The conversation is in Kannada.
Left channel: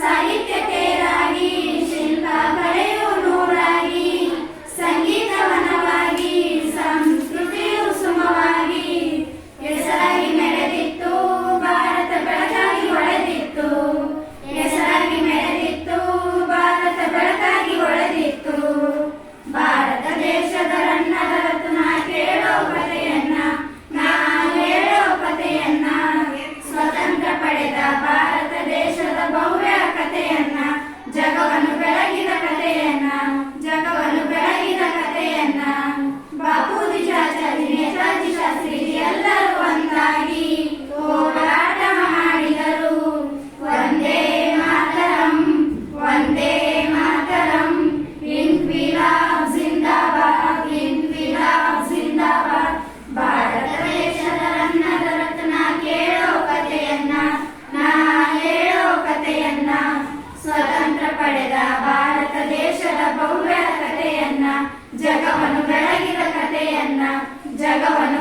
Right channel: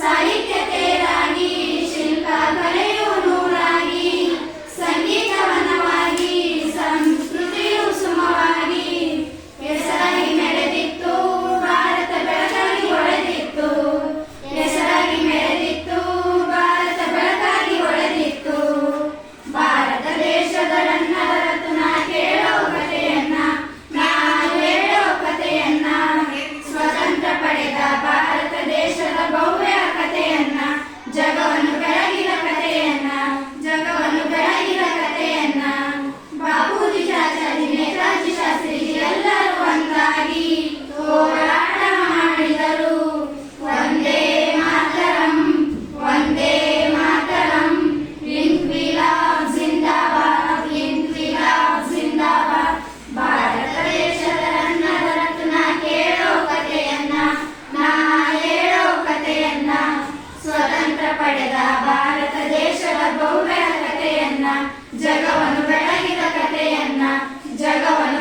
ಕಥೆಯನ್ನ ಸಾಹಿತ್ಯ ಜಗವನು ಬೆಳಗಿನ ಕಥೆಯನ್ನ ಜಗವನು